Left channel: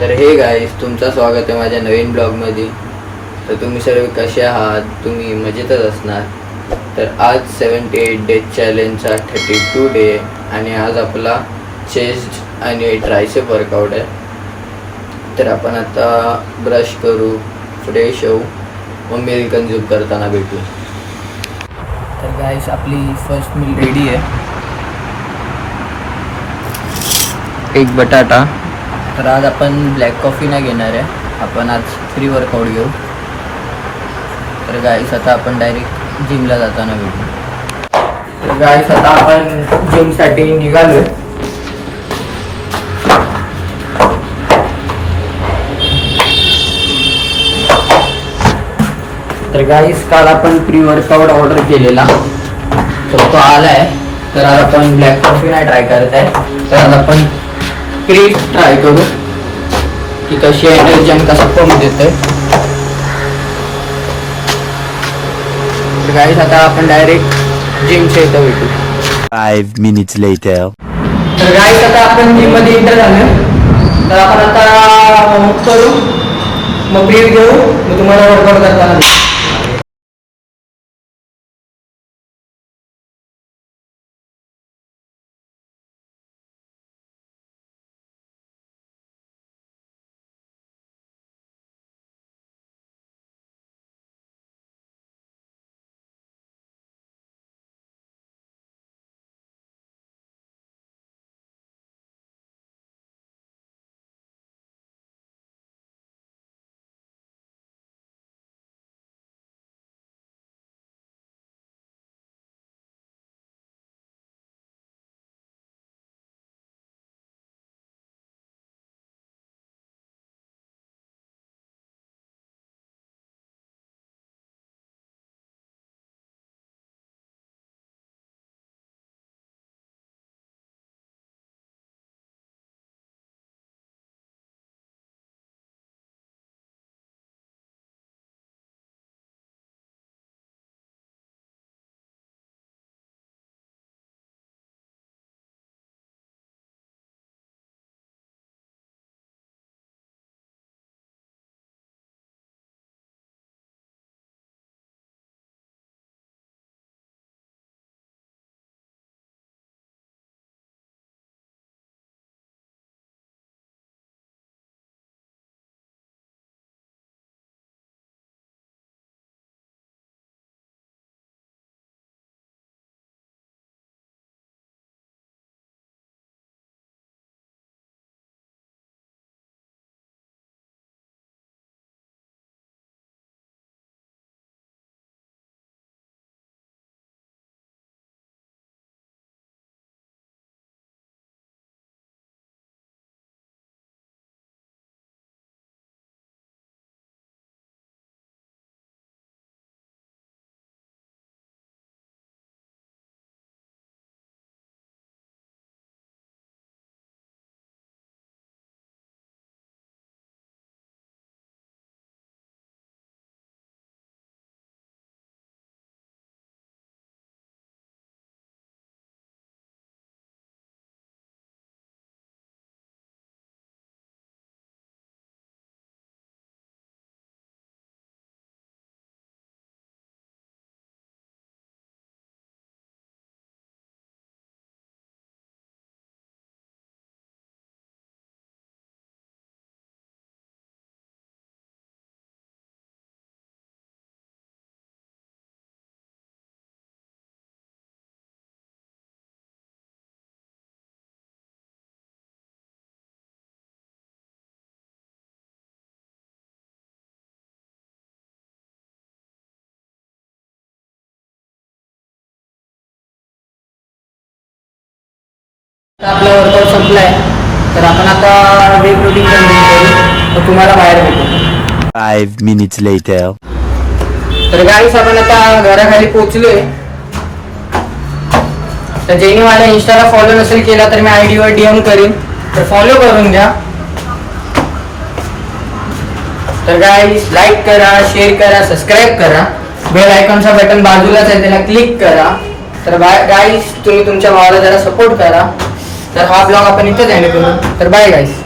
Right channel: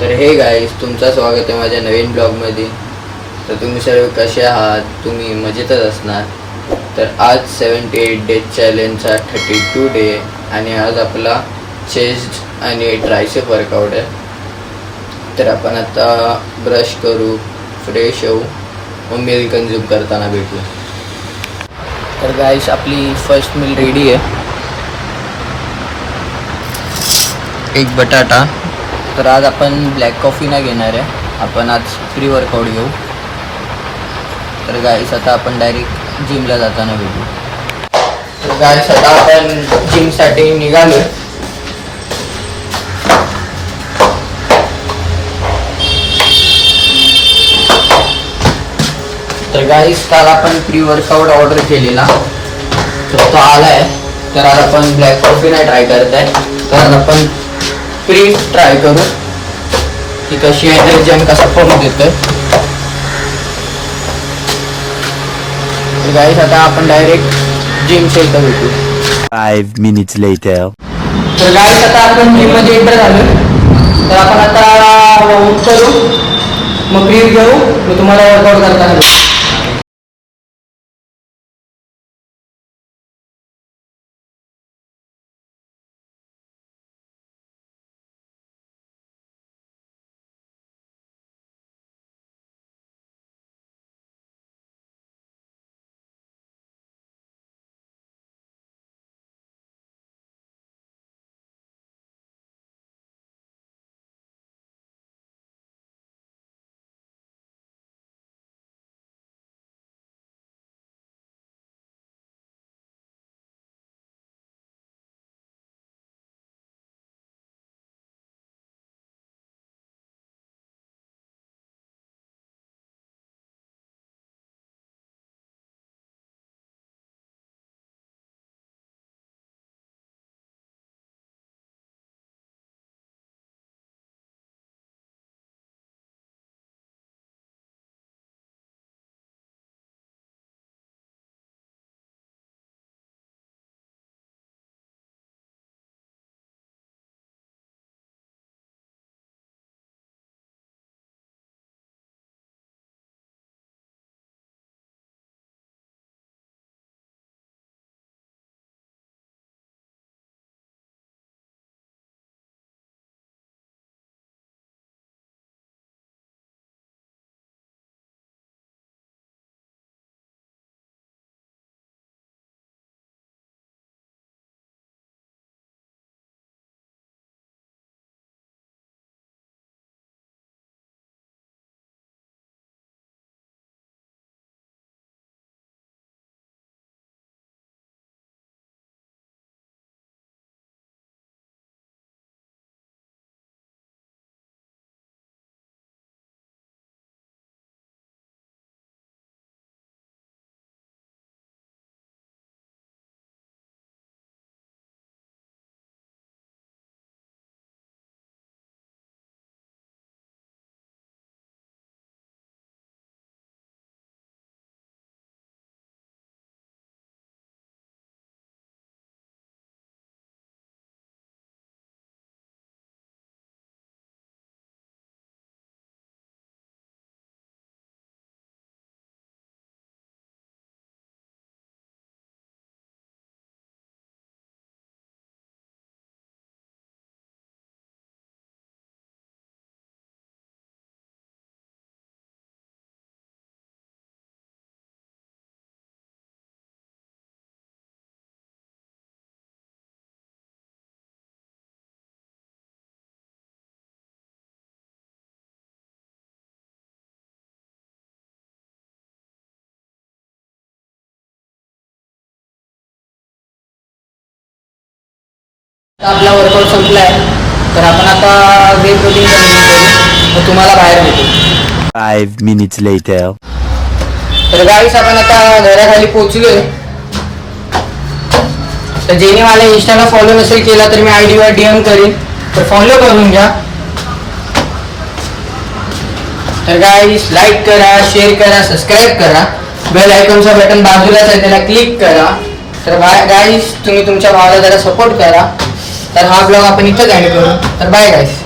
तर hey guys, तुमचं स्वागत आहे माझ्या नवीन ब्लॉगमध्ये. तर तुम्ही सर्व कसे आहात? तुम्ही मजेतच असणार. तर आज 78 डेज चॅलेंजचा 32 डे आणि आज आपला चेस्ट आणि ट्रायसेप वर्कआउट आहे. तर आपण आता ब्रश करू, फ्रेश होऊ, मग मील कन्झ्यूम करताना भेटू. तर गाईस, आपली फर्स्ट मील रेडी आहे. एक बटाटा. तर आज आपण ब्लॅक कॉफी नाही घेणार आहे, आपण आज फ्री वर्कआउट घेऊ. तर गाईस, आता आपण डायरेक्ट जिमला जाताना भेटू. तर गाईस, आता आपण जिमसाठी निघालो. तर गाईस, काल आपण प्री वर्कआउट ऑर्डर केलेला, तर तो आला आहे. तर आज आपण ब्लॅक कॉफी नाही ट्राय करत आहे, तर आज आपण प्री ट्राय करू की कशी एनर्जी आणि कसा फॉर्म देतोय. तर गाईस, आता आपण डायरेक्ट जिमच्या इथं भेटू. 5 minutes later. तर गाईस, आता आपण जिममध्ये एंटर झालो. तर आपण आता वॉर्मअप करू, मग ब्रीथ घेऊ, मग तुम्हाला वर्कआउट करताना भेटू. आपला वर्कआउट संपला आहे, तर आपण आता वे प्रोटीन कंझ्युम करू, मग तुम्हाला बाहेर भेटू. 5 minutes later. तर गाईस, आपण आता घराखाली पोहोचलोय. तर ज्याने मला इंस्टाला फॉलो नसेल केला तर मी ID वर DM करीन, तर फॉलो करून घ्या. तर गाईस, लाईक करा, शेअर करा, सबस्क्राईब करा, बेल आयकॉनचा बटन बाजूलाच आहे त्याला क्लिक करा. तर गाईस, तुम्ही तुमच्या भावाला जरा सपोर्ट करा. तर हा ब्लॉग आपण इथंच एंड करू. तर बाय गाईस.